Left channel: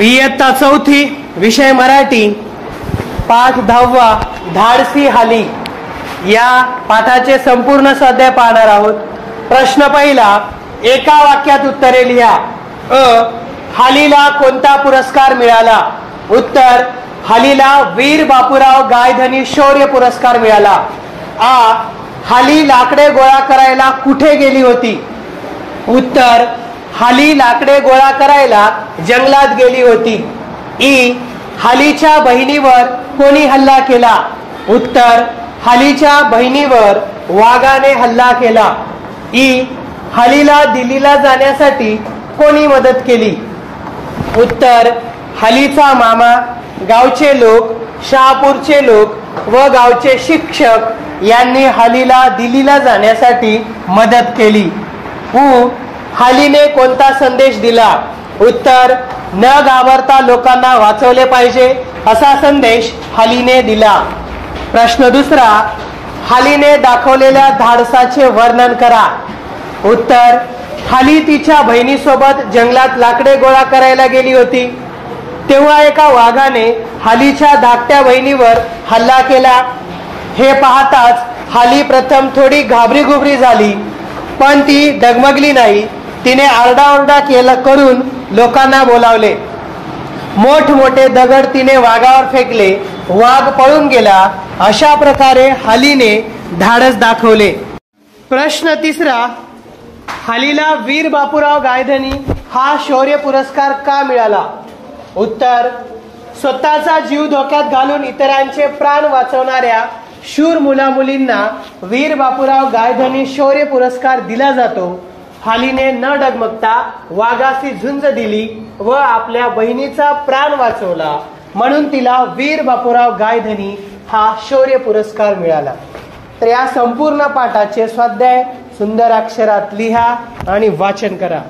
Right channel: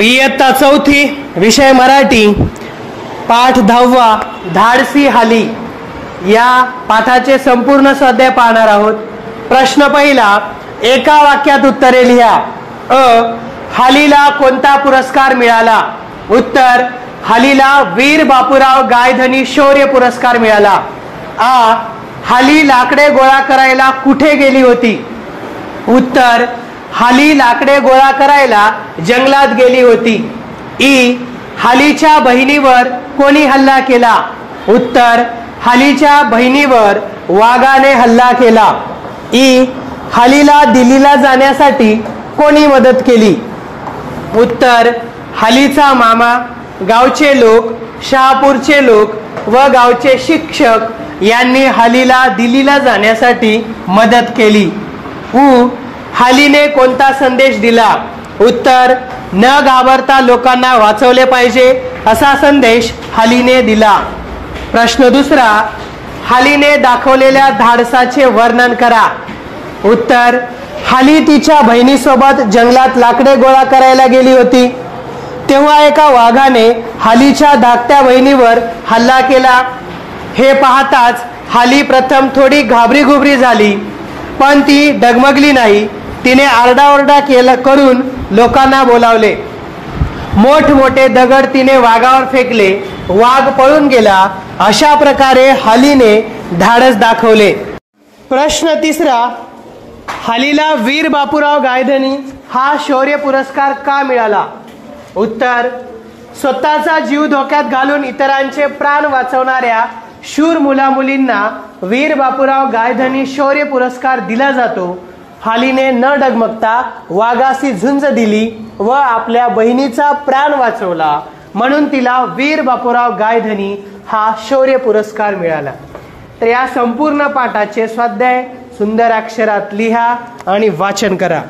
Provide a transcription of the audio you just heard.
इयत्ता चौथी, विषय मराठी, पाठ 10वा, धाडसी हाली या पाठाचे संपूर्ण स्वाध्याय पाहणार आहोत। प्रश्न पहिला, एका वाक्यात उत्तरे लिहा। अ, हालीला कोणता पुरस्कार मिळाला? उत्तर, हालीला वीर बापूराव गायधनी शौर्य पुरस्कार मिळाला। आ, हाली लाकडे गोळा करायला कुठे गेली होती? उत्तर, हाली लाकडे गोळा करायला जंगलात गेली होती। ई, हालीच्या बहिणीवर कोणी हल्ला केला? उत्तर, हालीच्या बहिणीवर वाघाने हल्ला केला। ई, हालीला दिल्लीला जाण्यासाठी कोणी मदत केली? उत्तर, हालीचा मामा, गावचे लोक, शहापूरचे लोक व गावचे शिक्षक यांनी हालीला दिल्लीला जाण्यासाठी मदत केली। उ, हालीने कोणता संदेश दिला? उत्तर, न घाबरता लोकांना वाचवले पाहिजे असा संदेश हालीने दिला। प्रश्न दुसरा, हालीने दाखवलेल्या धाडसाचे वर्णन करा। उत्तर, हाली तिच्या बहिणीसोबत जंगलात लाकडे गोळा करायला गेली होती, तेव्हा एका वाघाने हालीच्या धाकट्या बहिणीवर हल्ला केला। हे पाहताच हाली प्रथम थोडी घाबरीघुबरी झाली, पण ती डगमगली नाही। तिने आरडाओरडा करून लोकांना बोलावले। मोठमोठे दगड तिने वाघावर फेकले, वाघ पळून गेला। अशा प्रकारे हालीने धाडस दाखवले। प्रश्न तिसरा, हालीला वीर बापूराव गायधनी हा शौर्य पुरस्कार का मिळाला? उत्तर, स्वतःचा जीव धोक्यात घालून इतरांचे प्राण वाचवणाऱ्या शूर मुलामुलींना वीर बापूराव गायधनी शौर्य पुरस्कार दिला जातो। हालीने न डगमगता वाघाशी झुंज दिली व आपल्या बहिणीचा प्राण वाचवला, म्हणून तिला वीर बापूराव गायधनी हा शौर्य पुरस्कार मिळाला। तर या संपूर्ण पाठाचे स्वाध्याय सुंदर अक्षरात लिहा आणि वाचन करा।